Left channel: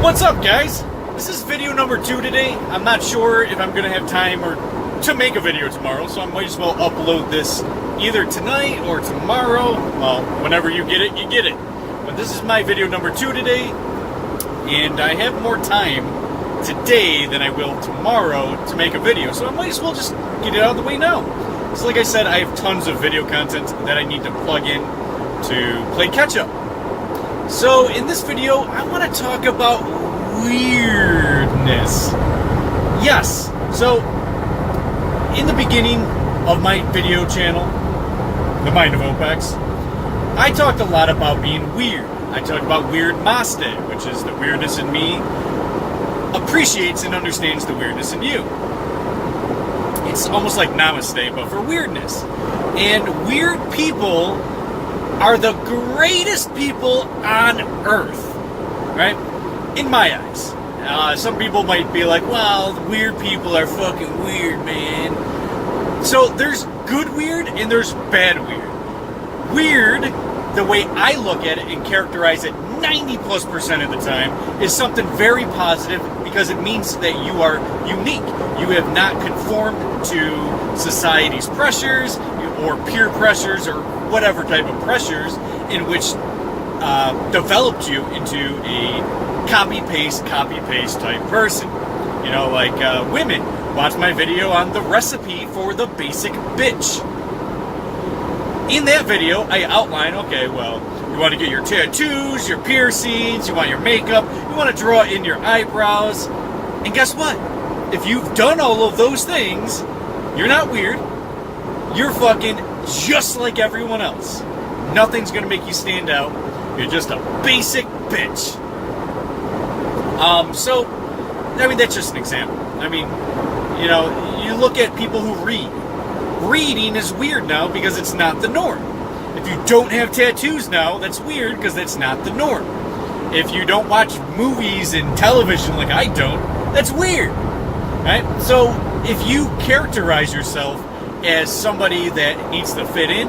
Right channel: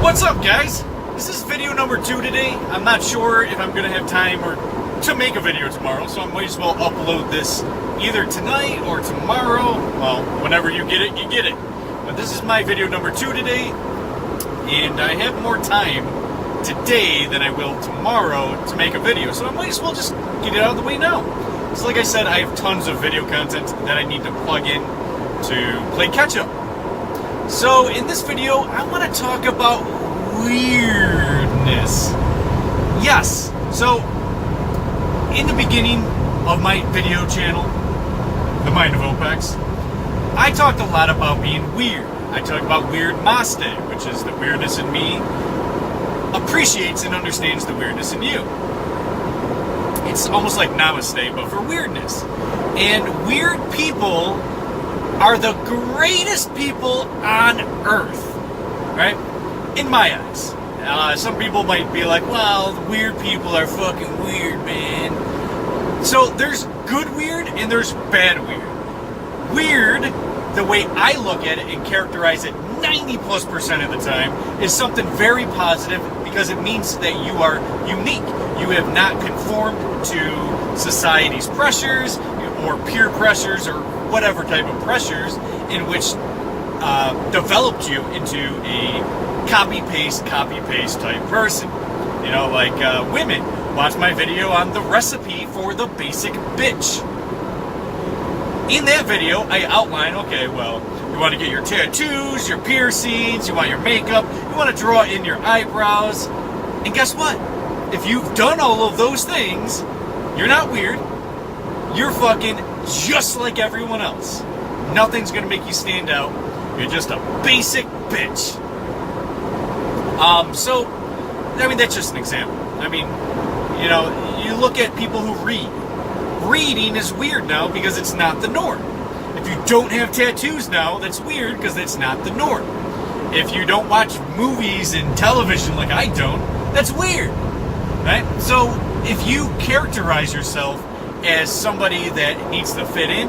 What's up, guys? This is video number 2 today. I'm not sure if I'm gonna have time or to make a video tomorrow, so I might as well upload this either tonight or tomorrow. Well, whenever you get it, you get it. But this is my video number 2 today, and I have more time today than I will tomorrow to make a video, so I might as well just get it out of the way now. So like I said, I have tons of video content that I need to plug in to play catch-up. So in this video, I want to talk about weirdness. Yes, so in the beginning of my video channel, The Mind of Opex, I talked a lot about being weird. I talked about Weirdmaste, which is the weirdness in me appreciates and understands the weirdness in you. It's almost like namaste, but for weirdness. And weird people are the greatest people on earth, right? In my eyes. Some people might be like, well, weird people are fucking weird, man. So there's good weird and there's bad weird. Weird, the way I look at it and characterize it 90+% of the time, is something very positive because it means that you are unique. You have not conformed to society's pressures or peer pressures or whatever type of pressures in which developed you into a copy-paste type person. You know, like women. Watch my video on the recipe for the basic bitch. In that video, I outline, okay, well, you want to get your tattoos, your piercings, you want your makeup, you want to draw in your eyebrows, and guess what? If you've done all of those things, you're not weird. You're fucking just like everyone else. Nothing's gonna make you stand out. You're just a basic bitch. So, I mean, that's just an example. I mean, you know, you look at people who read. Reading is weird now because it's not the norm. If you don't have tattoos now, that's weird because it's not the norm. If you don't watch movies and television like I don't, that's weird, right? So, if you characterize yourself as somebody that needs to fit in,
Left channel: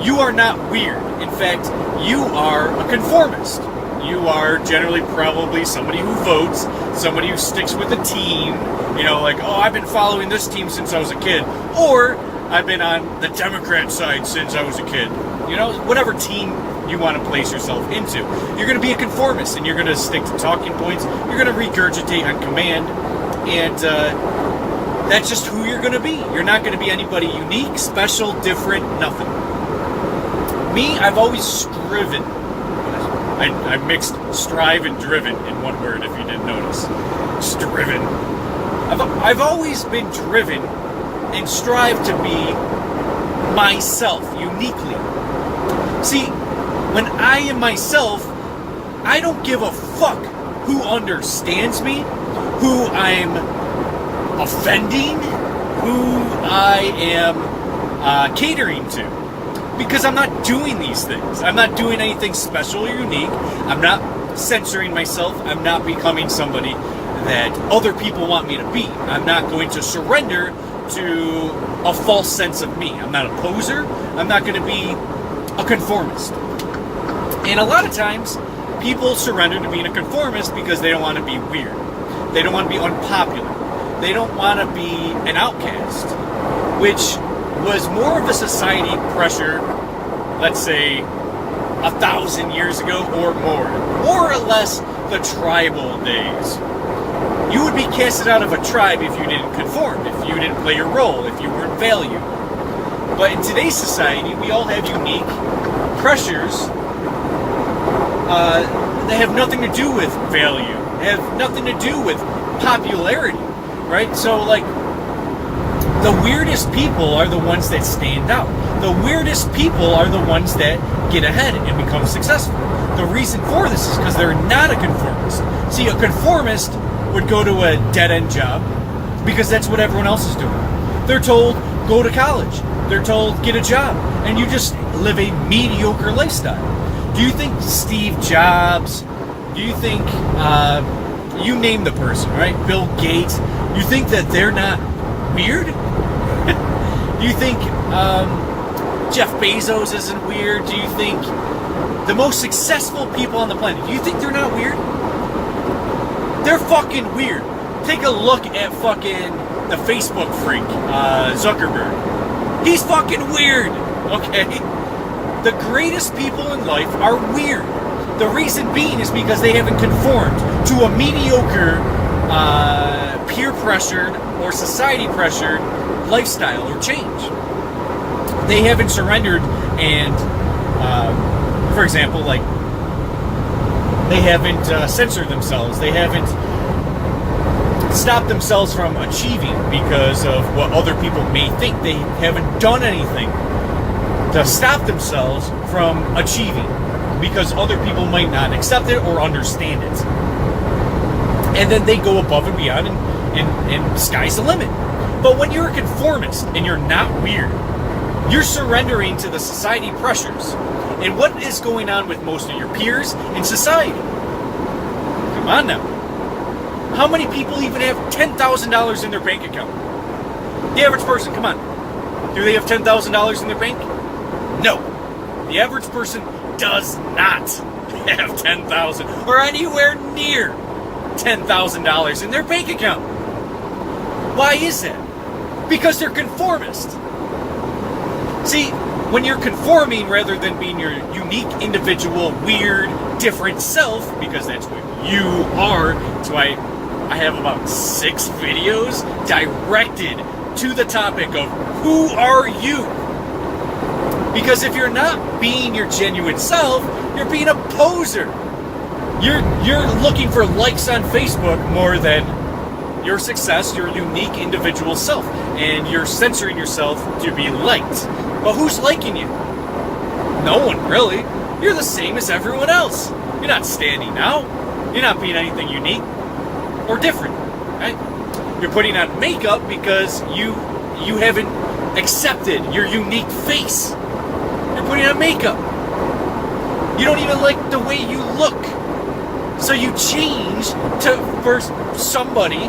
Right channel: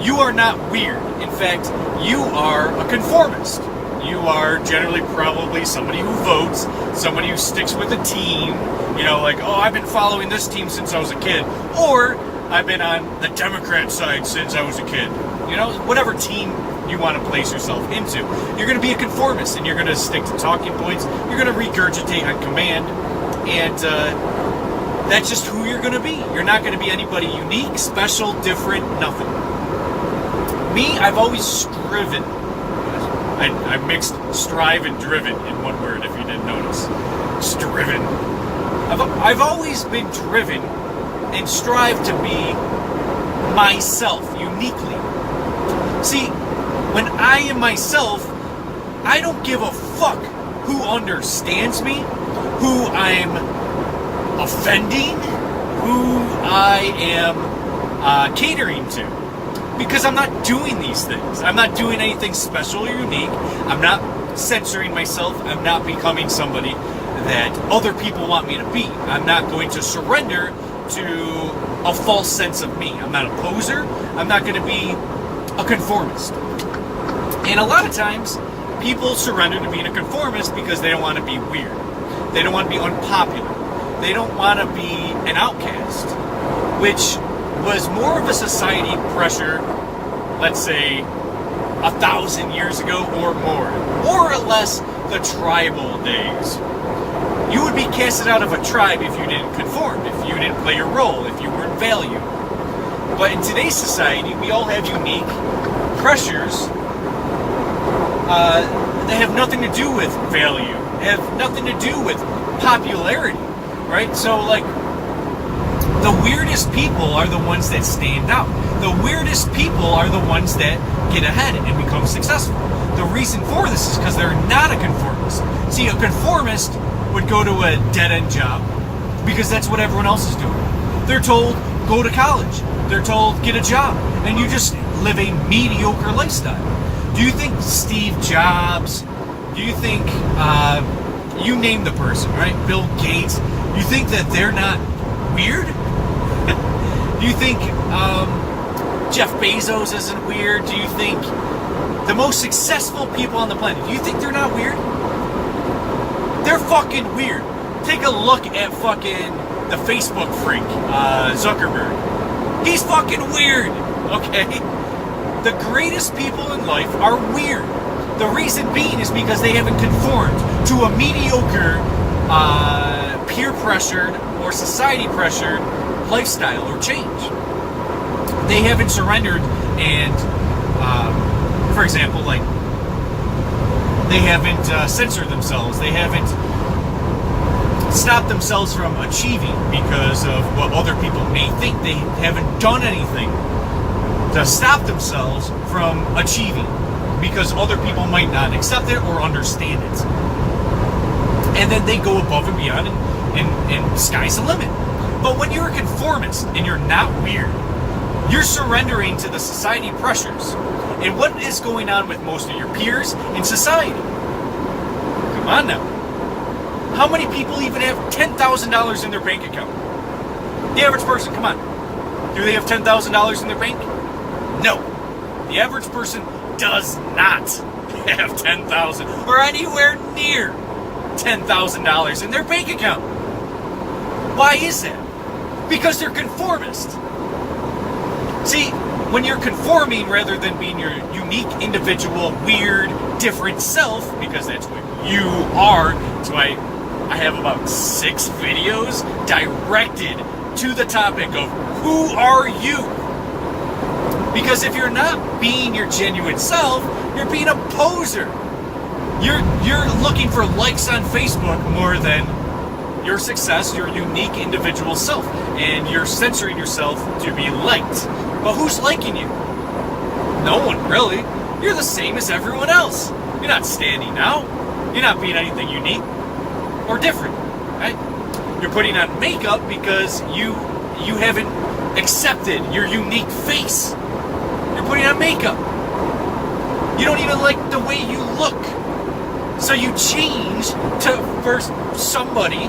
you are not weird. In fact, you are a conformist. You are generally probably somebody who votes, somebody who sticks with a team, you know, like, oh, I've been following this team since I was a kid, or I've been on the Democrat side since I was a kid. You know, whatever team you want to place yourself into. You're going to be a conformist, and you're going to stick to talking points, you're going to regurgitate on command, and that's just who you're going to be. You're not going to be anybody unique, special, different, nothing. Me, I've always striven. I mixed strive and driven in one word, if you didn't notice. Striven. I've always been driven and strive to be myself, uniquely. See, when I am myself, I don't give a fuck who understands me, who I'm offending, who I am catering to, because I'm not doing these things. I'm not doing anything special or unique. I'm not censoring myself. I'm not becoming somebody that other people want me to be. I'm not going to surrender to a false sense of me. I'm not a poser. I'm not going to be a conformist. And a lot of times, people surrender to being a conformist because they don't want to be weird. They don't want to be unpopular. They don't want to be an outcast, which was more of a society pressure, let's say, 1,000 years ago or more or less the tribal days. You would be casted out of a tribe if you didn't conform, if you didn't play your role, if you weren't valued. But in today's society, we all have unique pressures that have nothing to do with value, have nothing to do with popularity. Right? So, like, the weirdest people are the ones that stand out. The weirdest people are the ones that get ahead and become successful. The reason for this is because they're not a conformist. See, a conformist would go to a dead-end job because that's what everyone else is doing. They're told, go to college. They're told, get a job. And you just live a mediocre lifestyle. Do you think Steve Jobs, do you think, you name the person, right? Bill Gates, you think that they're not weird? Do you think Jeff Bezos isn't weird? Do you think the most successful people on the planet, do you think they're not weird? fucking weird. Take a look at fucking the Facebook freak, Zuckerberg. He's fucking weird, okay? The greatest people in life are weird. The reason being is because they haven't conformed to a mediocre, peer-pressured or society-pressured lifestyle or change. They haven't surrendered and, for example, like, they haven't censored themselves. They haven't stopped themselves from achieving because of what other people may think. They haven't done anything to stop themselves from achieving because other people might not accept it or understand it. And then they go above and beyond, and sky's the limit. But when you're a conformist and you're not weird, you're surrendering to the society pressures and what is going on with most of your peers in society. Come on now. How many people even have $10,000 in their bank account? The average person, come on. Do they have $10,000 in their bank? No. The average person does not have $10,000 or anywhere near $10,000 in their bank account. Why is that? Because they're conformist. See, when you're conforming rather than being your unique, individual, weird, different self, because that's what you are, that's why I have about 6 videos directed to the topic of who are you? Because if you're not being your genuine self, you're being a poser. You're looking for likes on Facebook more than your success, your unique individual self. And you're censoring yourself to be liked. But who's liking you? No one, really. You're the same as everyone else. You're not standing out. You're not being anything unique or different, right? You're putting on makeup because you haven't accepted your unique face. You're putting on makeup. You don't even like the way you look. So you change to for somebody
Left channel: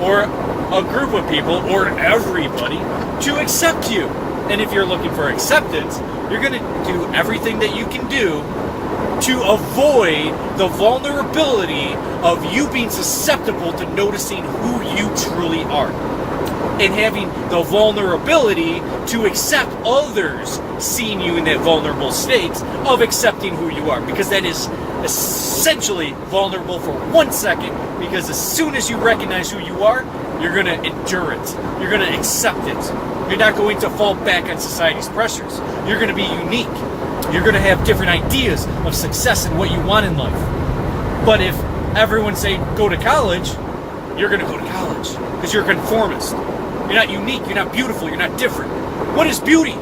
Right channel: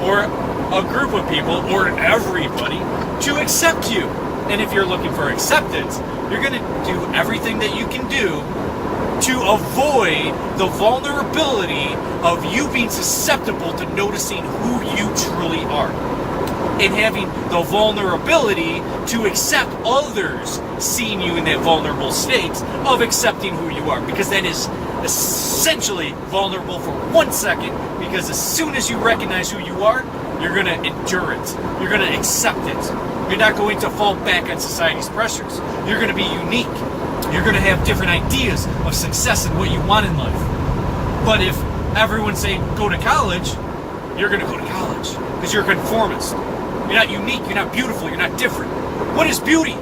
or a group of people or everybody to accept you. And if you're looking for acceptance, you're going to do everything that you can do to avoid the vulnerability of you being susceptible to noticing who you truly are. And having the vulnerability to accept others seeing you in that vulnerable state of accepting who you are. Because that is essentially vulnerable for 1 second, because as soon as you recognize who you are, you're going to endure it. You're going to accept it. You're not going to fall back on society's pressures. You're going to be unique. You're going to have different ideas of success and what you want in life. But if everyone say go to college, you're going to go to college because you're a conformist. You're not unique, you're not beautiful, you're not different. What is beauty?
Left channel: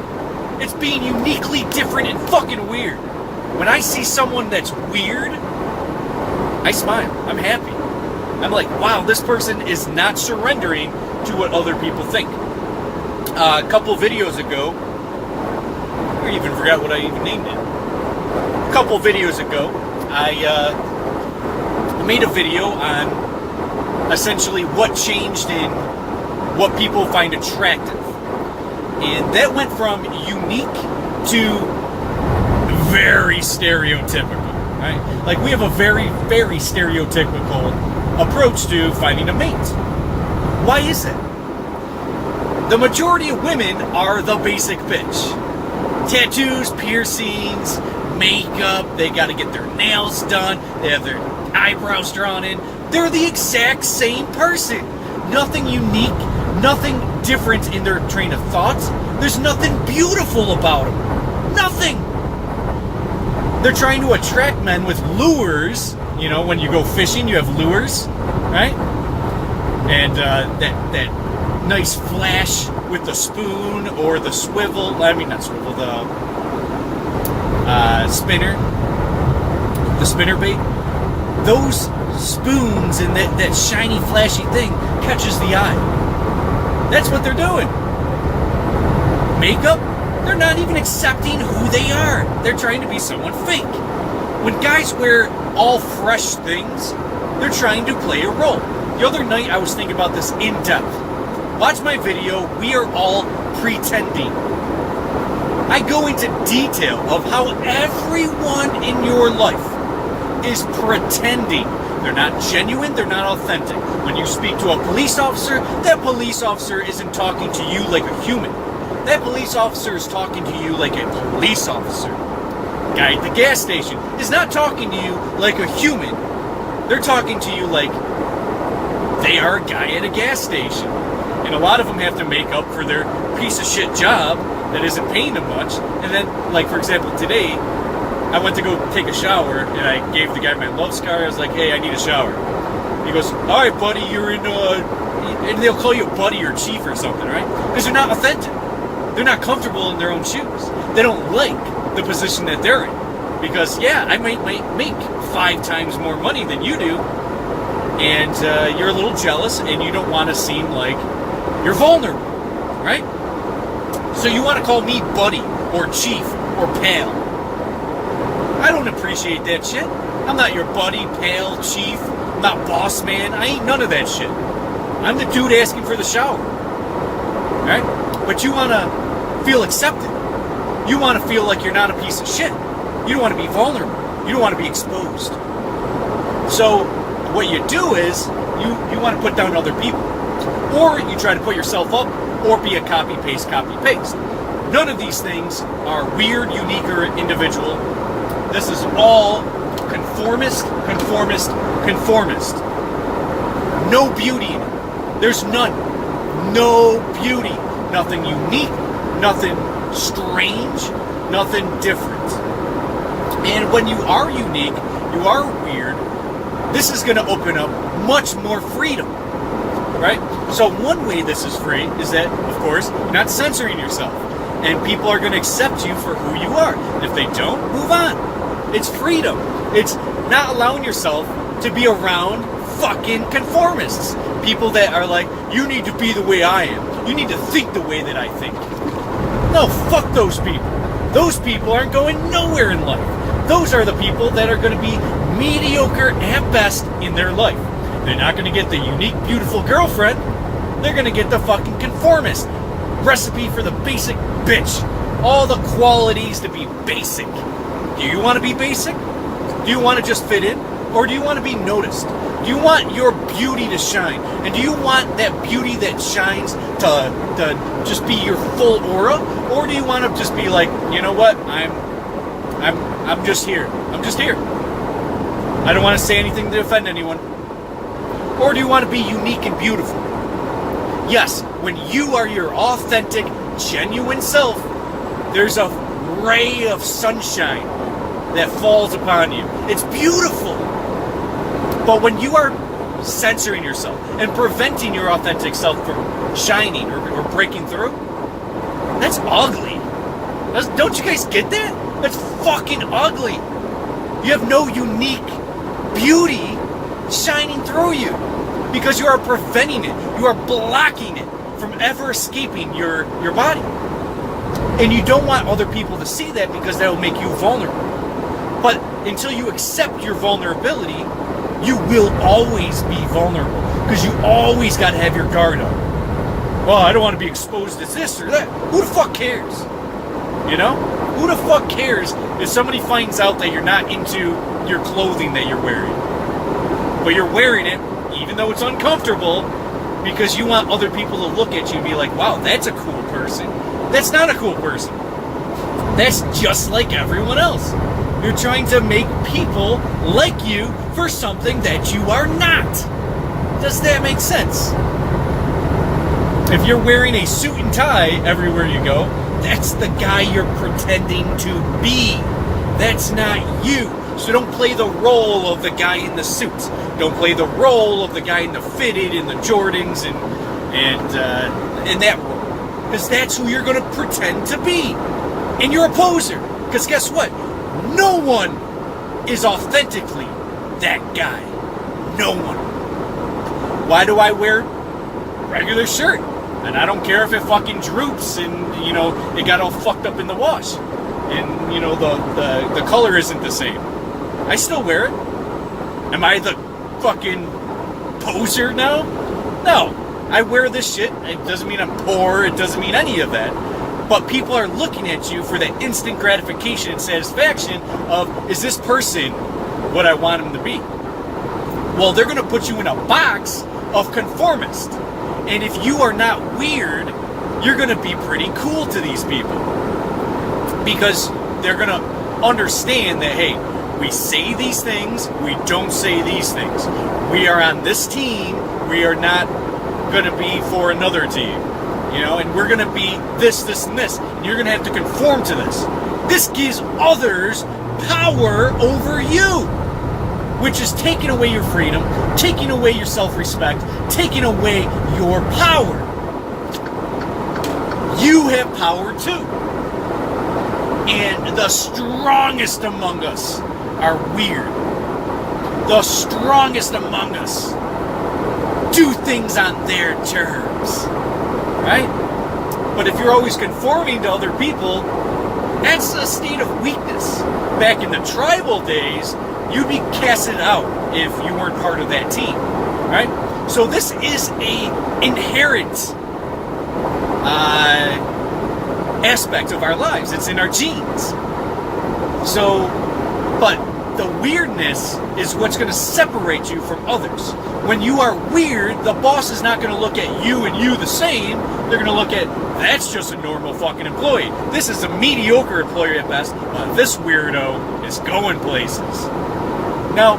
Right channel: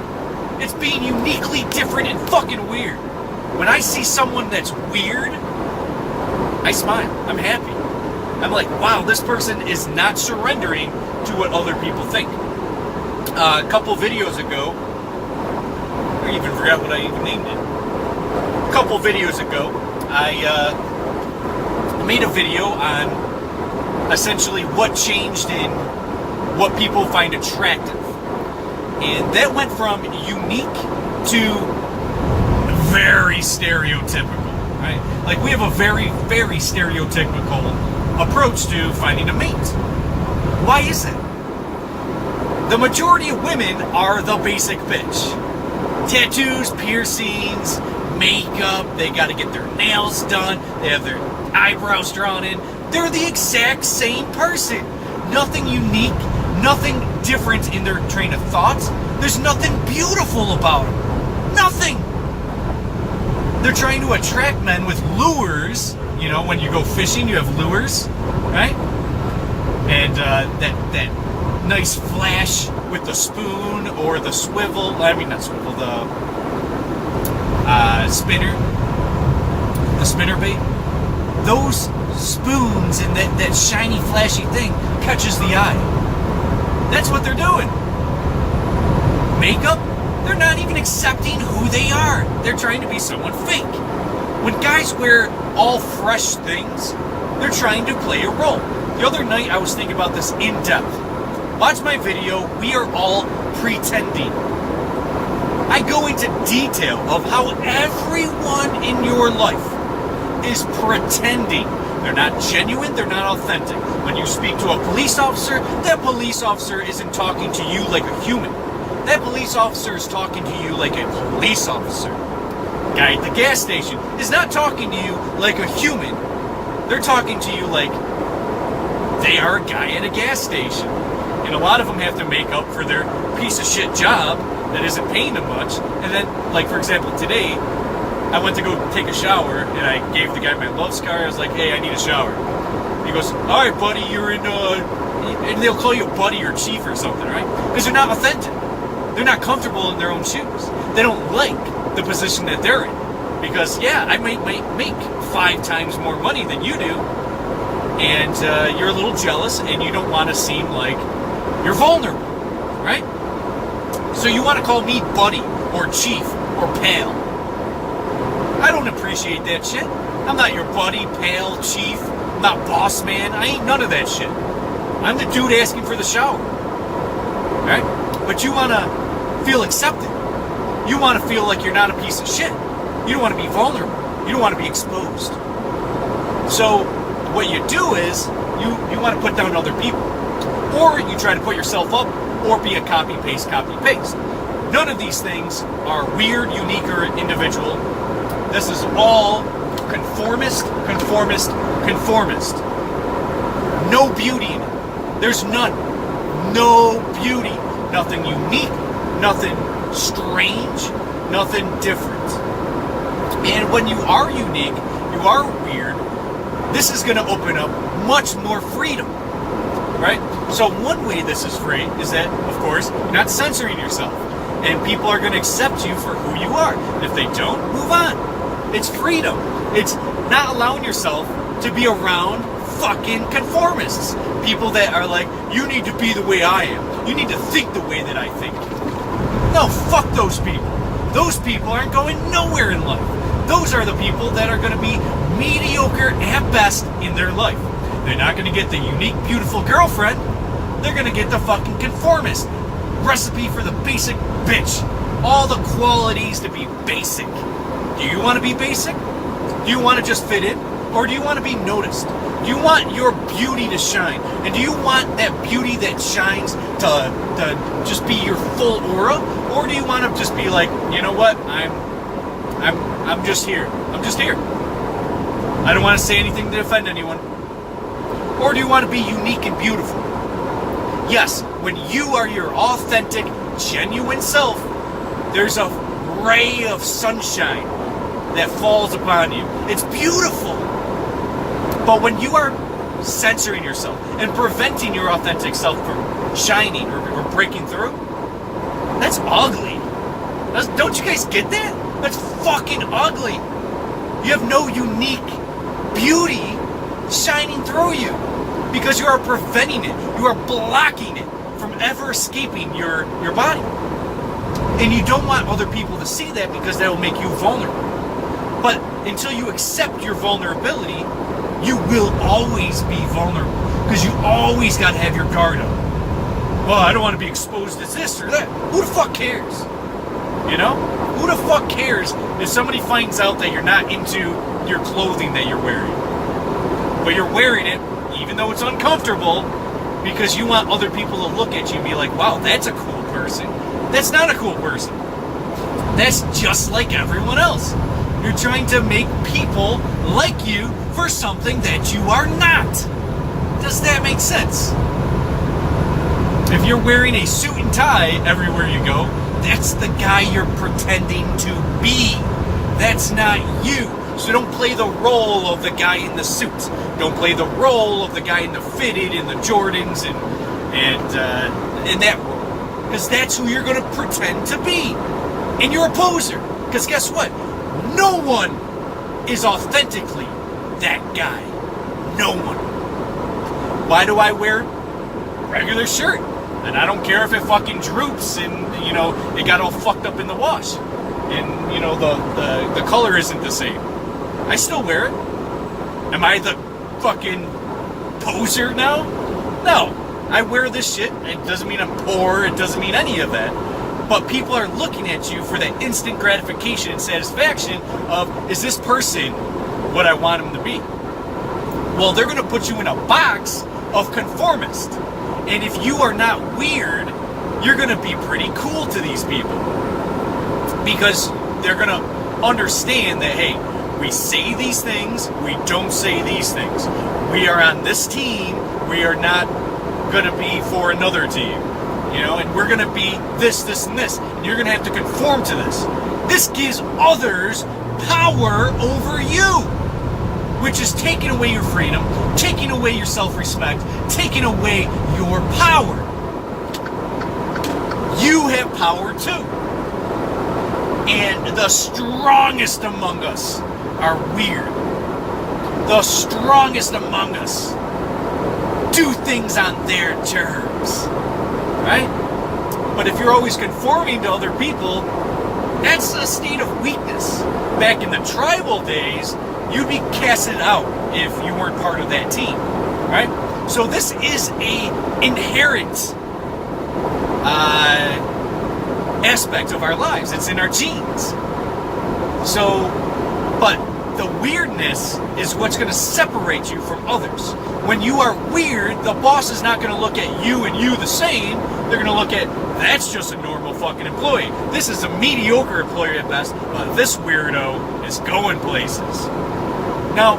It's being uniquely different and fucking weird. When I see someone that's weird, I smile. I'm happy. I'm like, wow, this person is not surrendering to what other people think. A couple videos ago, I even forgot what I even named it. A couple videos ago, I made a video on essentially what changed in what people find attractive. And that went from unique to very stereotypical, right? Like, we have a very, very stereotypical approach to finding a mate. Why is it? The majority of women are the basic bitch. Tattoos, piercings, makeup, they gotta get their nails done, they have their eyebrows drawn in. They're the exact same person. Nothing unique, nothing different in their train of thoughts. There's nothing beautiful about them. Nothing. They're trying to attract men with lures. You know, when you go fishing, you have lures, right? And that nice flash with the spoon or the swivel. I mean, not swivel, the spinner. The spinner bait. Those spoons and that shiny, flashy thing catches the eye. That's what they're doing. Makeup, they're not even accepting who they are. They're trying to be someone fake. When guys wear all fresh things, they're trying to play a role. The other night, I was thinking about this in depth. Watch my video, We Are All Pretending. I go into detail of how everyone in your life is pretending They're not genuine, they're not authentic. When you speak to a police officer, that police officer isn't talking to you like a human. That police officer is talking to you like a police officer. Guy at the gas station is not talking to you like a human. They're talking to you like they are a guy at a gas station. And a lot of them have to make up for their piece of shit job that isn't paying them much. And then, like, for example, today, I went to go take a shower, and I gave the guy my love scar. I was like, hey, I need a shower. He goes, all right, buddy, you're in, and they'll call you buddy or chief or something, right? Because they're not authentic. They're not comfortable in their own shoes. They don't like the position that they're in. Because, yeah, I might make 5 times more money than you do, and you're a little jealous, and you don't want to seem like you're vulnerable, right? So you want to call me buddy or chief or pal. I don't appreciate that shit. I'm not your buddy, pal, chief. I'm not boss man. I ain't none of that shit. I'm the dude asking for the shower, right? But you want to feel accepted. You want to feel like you're not a piece of shit. You don't want to be vulnerable. You don't want to be exposed. So what you do is you want to put down other people. Or you try to put yourself up, or be a copy-paste. None of these things are weird, unique, or individual. This is all conformist. No beauty in it. There's none. No beauty. Nothing unique, nothing strange, nothing different. And when you are unique, you are weird, this is going to open up much more freedom. Right? So one way this is free is that, of course, you're not censoring yourself. And people are going to accept you for who you are. And if they don't, move on. It's freedom. It's not allowing yourself to be around fucking conformists. People that are like, you need to be the way I am. You need to think the way that I think. No, fuck those people. Those people aren't going nowhere in life. Those are the people that are going to be mediocre at best in their life. They're not going to get the unique, beautiful girlfriend. They're going to get the fucking conformist. Recipe for the basic bitch. All the qualities to be basic. Do you want to be basic? Do you want to just fit in? Or do you want to be noticed? Do you want your beauty to shine? And do you want that beauty that shines to just be your full aura? Or do you want to just be like, you know what? I'm just here. I'm just here. I don't want to say anything to offend anyone. Or do you want to be unique and beautiful? Yes, when you are your authentic, genuine self, there's a ray of sunshine that falls upon you. It's beautiful. But when you are censoring yourself and preventing your authentic self from shining or breaking through, that's ugly. Don't you guys get that? That's fucking ugly. You have no unique beauty shining through you because you are preventing it. You are blocking it from ever escaping your body. And you don't want other people to see that because that will make you vulnerable. But until you accept your vulnerability, you will always be vulnerable because you always got to have your guard up. Well, I don't want to be exposed as this or that. Who the fuck cares? You know? Who the fuck cares if somebody finds out that you're not into your clothing that you're wearing? But you're wearing it even though it's uncomfortable because you want other people to look at you and be like, wow, that's a cool person. That's not a cool person. That's just like everyone else. You're trying to make people like you for something that you are not. Does that make sense? If you're wearing a suit and tie everywhere you go, that's the guy you're pretending to be. That's not you. So don't play the role of the guy in the suits. Don't play the role of the guy in the fitted and the Jordans and in that role. Because that's who you're going to pretend to be. And you're a poser. Because guess what? No one is authentically that guy. No one. Why do I wear regular shirt? And I don't care if it fucking droops and, you know, it got all fucked up in the wash. And, you know, the color isn't the same. I still wear it. Am I the fucking poser now? No. I wear this shit. It doesn't mean I'm poor. It doesn't mean any of that. But people are looking at you for that instant gratification and satisfaction of, is this person what I want him to be? Well, they're going to put you in a box of conformist. And if you are not weird, you're going to be pretty cool to these people. Because they're going to understand that, hey, we say these things, we don't say these things. We are on this team, we are not going to be for another team. You know, and we're going to be this, this, and this. And you're going to have to conform to this. This gives others power over you, which is taking away your freedom, taking away your self-respect, taking away your power. You have power too. And the strongest among us are weird. The strongest among us do things on their terms. Right? But if you're always conforming to other people, that's a state of weakness. Back in the tribal days, you'd be casted out if you weren't part of that team. Right? So this is a inherent aspect of our lives. It's in our genes. So, but the weirdness is what's going to separate you from others. When you are weird, the boss is not going to look at you and you the same. They're going to look at, that's just a normal fucking employee. This is a mediocre employee at best, but this weirdo is going places. Now,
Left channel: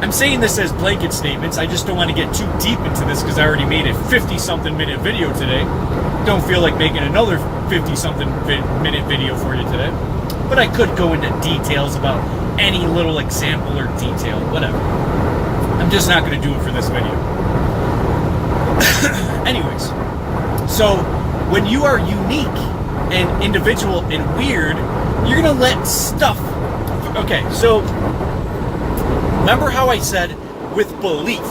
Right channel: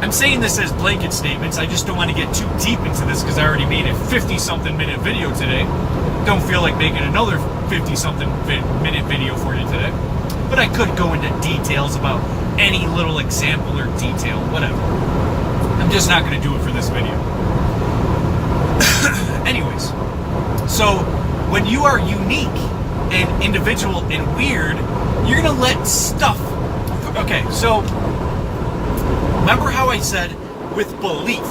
I'm saying this as blanket statements. I just don't want to get too deep into this because I already made a 50-something minute video today. Don't feel like making another 50-something minute video for you today. But I could go into details about any little example or detail, whatever. I'm just not going to do it for this video. Anyways, so when you are unique and individual and weird, you're going to let stuff... Okay, so remember how I said with belief,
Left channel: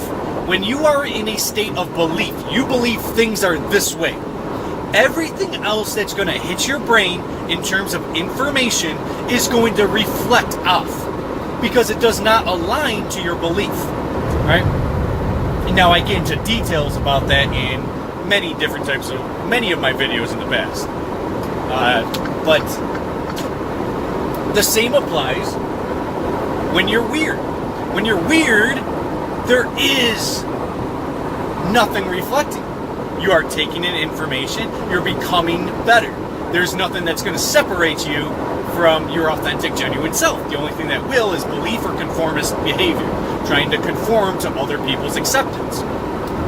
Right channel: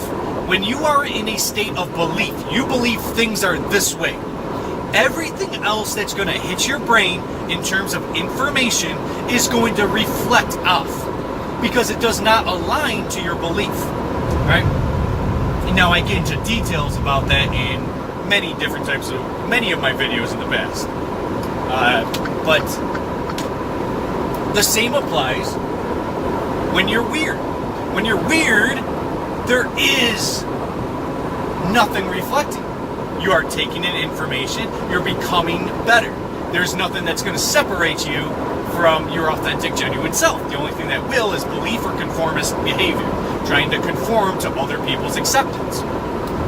when you are in a state of belief, you believe things are this way. Everything else that's going to hit your brain in terms of information is going to reflect off because it does not align to your belief, right? And now I get into details about that in many of my videos in the past. But the same applies when you're weird. When you're weird, there is nothing reflecting. You are taking in information, you're becoming better. There's nothing that's going to separate you from your authentic, genuine self. The only thing that will is belief or conformist behavior, trying to conform to other people's acceptance.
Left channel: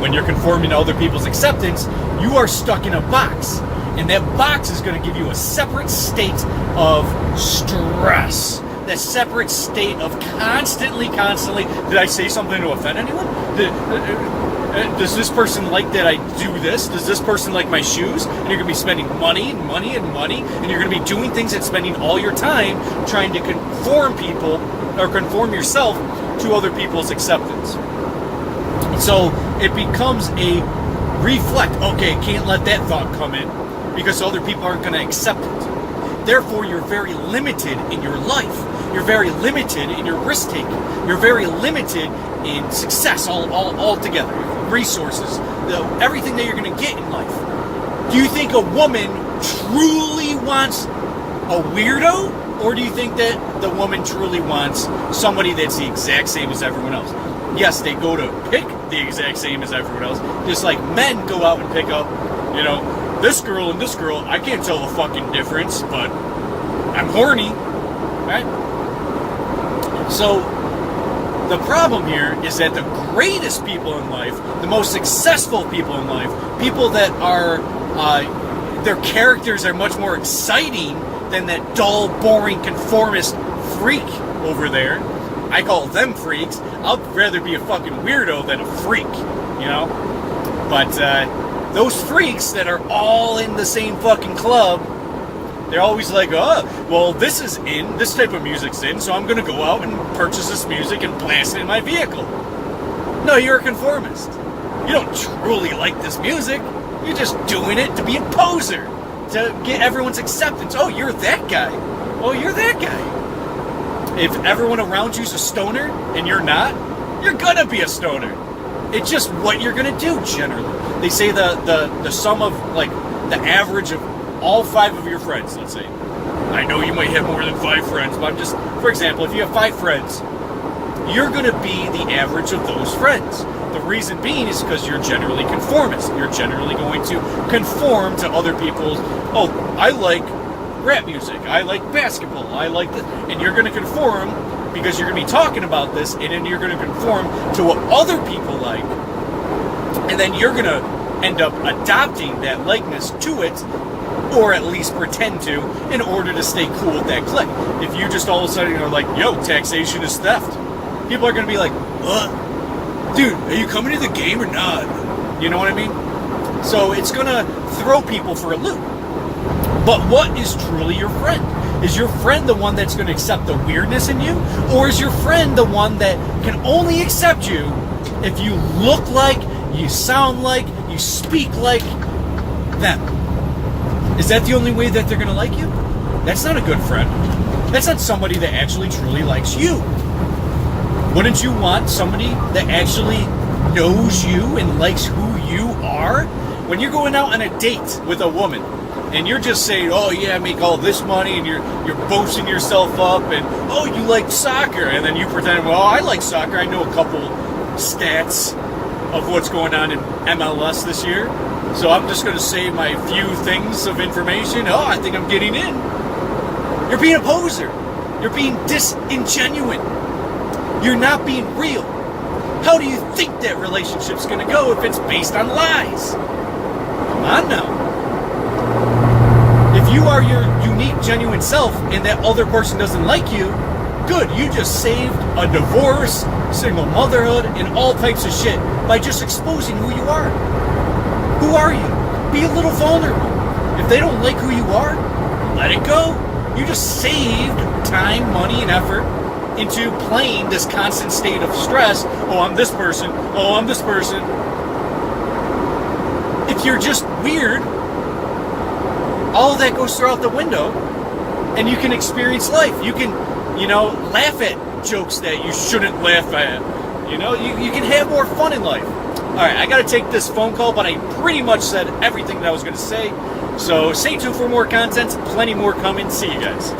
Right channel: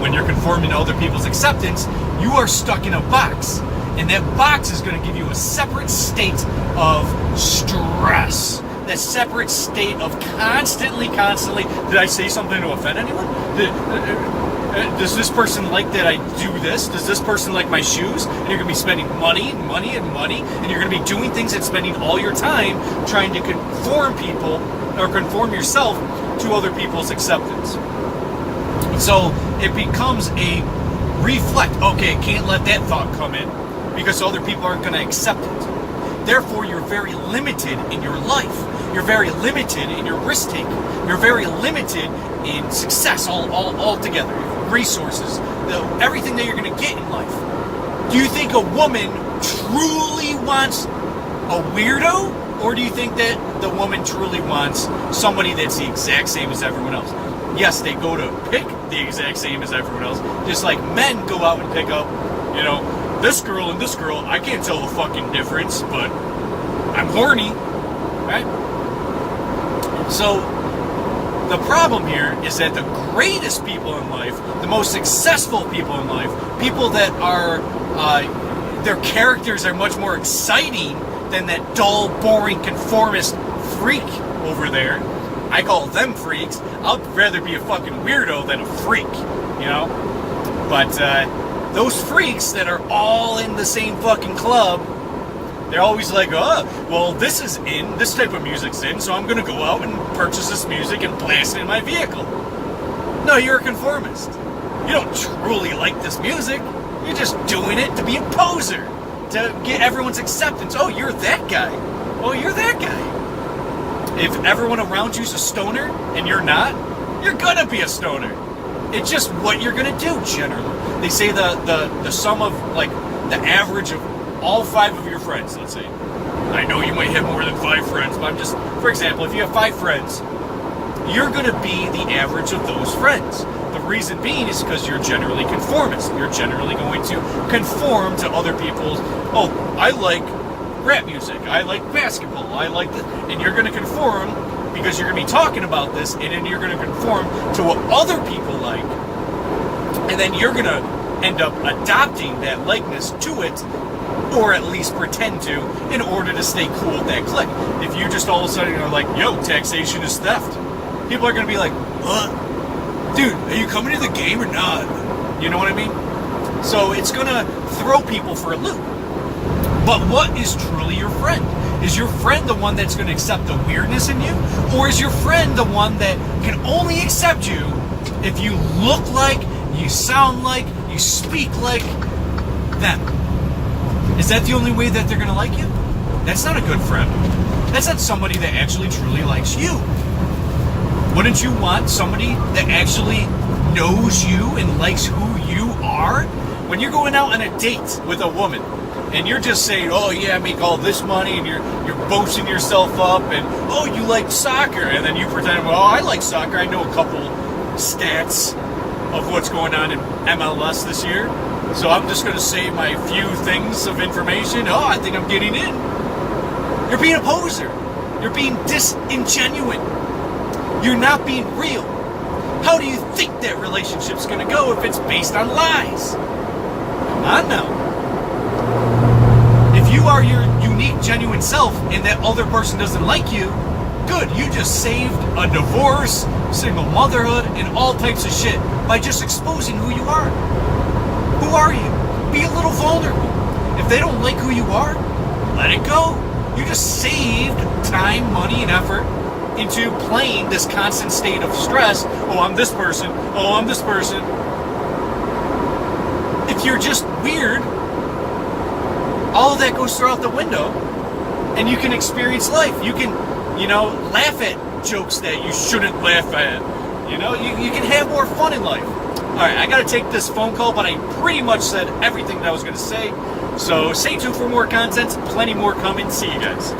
When you're conforming to other people's acceptance, you are stuck in a box. And that box is going to give you a separate state of stress. That separate state of constantly, did I say something to offend anyone? Does this person like that I do this? Does this person like my shoes? And you're going to be spending money, and you're going to be doing things and spending all your time trying to conform people or conform yourself to other people's acceptance. So it becomes a reflect. Okay, can't let that thought come in because other people aren't going to accept it. Therefore, you're very limited in your life. You're very limited in your risk taking. You're very limited in success altogether. Resources, everything that you're going to get in life. Do you think a woman truly wants a weirdo? Or do you think that the woman truly wants somebody that's the exact same as everyone else? Yes, they go to pick the exact same as everyone else. Just like men go out and pick up, this girl and this girl. I can't tell the fucking difference, but I'm horny, right? So the problem here is that the greatest people in life, the most successful people in life, people that are, their characters are much more exciting than that dull, boring, conformist freak over there. I call them freaks. I'd rather be a fucking weirdo than a freak, But those freaks that are all in the same fucking club, they're always like, well, this is in, this type of music's in, so I'm going to go out and purchase this music and blast it in my vehicle. No, you're a conformist. You don't truly like this music. You're just doing it to be a poser, to get everyone's acceptance. Oh, you're that guy. Oh, you're that guy. If everyone around you's a stoner and you're not, you're going to be a stoner. It's just what you're going to do, generally. They say the sum of, the average of all 5 of your friends, let's say. I know you might have more than 5 friends, but I'm just, for example, if you have 5 friends, you're going to be the average of those friends. The reason being is because you're generally conformist. You're generally going to conform to other people's, oh, I like rap music, I like basketball, I like this, and you're going to conform because you're going to be talking about this, and then you're going to conform to what other people like, and then you're going to end up adopting that likeness to it, or at least pretend to, in order to stay cool with that clique. If you just all of a sudden are like, yo, taxation is theft, people are going to be like, what? Dude, are you coming to the game or not? You know what I mean? So it's going to throw people for a loop. But what is truly your friend? Is your friend the one that's going to accept the weirdness in you? Or is your friend the one that can only accept you if you look like, you sound like, you speak like them? Is that the only way that they're going to like you? That's not a good friend. That's not somebody that actually truly likes you. Wouldn't you want somebody that actually knows you and likes who you are? When you're going out on a date with a woman and you're just saying, oh yeah, I make all this money, and you're boasting yourself up, and oh, you like soccer, and then you pretend, well, I like soccer, I know a couple stats of what's going on in MLS this year, so I'm just going to say my few things of information. Oh, I think I'm getting in. You're being a poser. You're being disingenuous. You're not being real. How do you think that relationship's going to go if it's based on lies? Come on now. If you are your unique, genuine self and that other person doesn't like you, good, you just saved a divorce, single motherhood, and all types of shit by just exposing who you are. Who are you? Be a little vulnerable. If they don't like who you are, let it go. You just saved time, money, and effort into playing this constant state of stress. Oh, I'm this person. Oh, I'm this person. If you're just weird, all of that goes throughout the window, and you can experience life. You can, laugh at jokes that you shouldn't laugh at. You can have more fun in life. All right, I got to take this phone call, but I pretty much said everything that I was going to say. So stay tuned for more content. Plenty more coming. See you guys.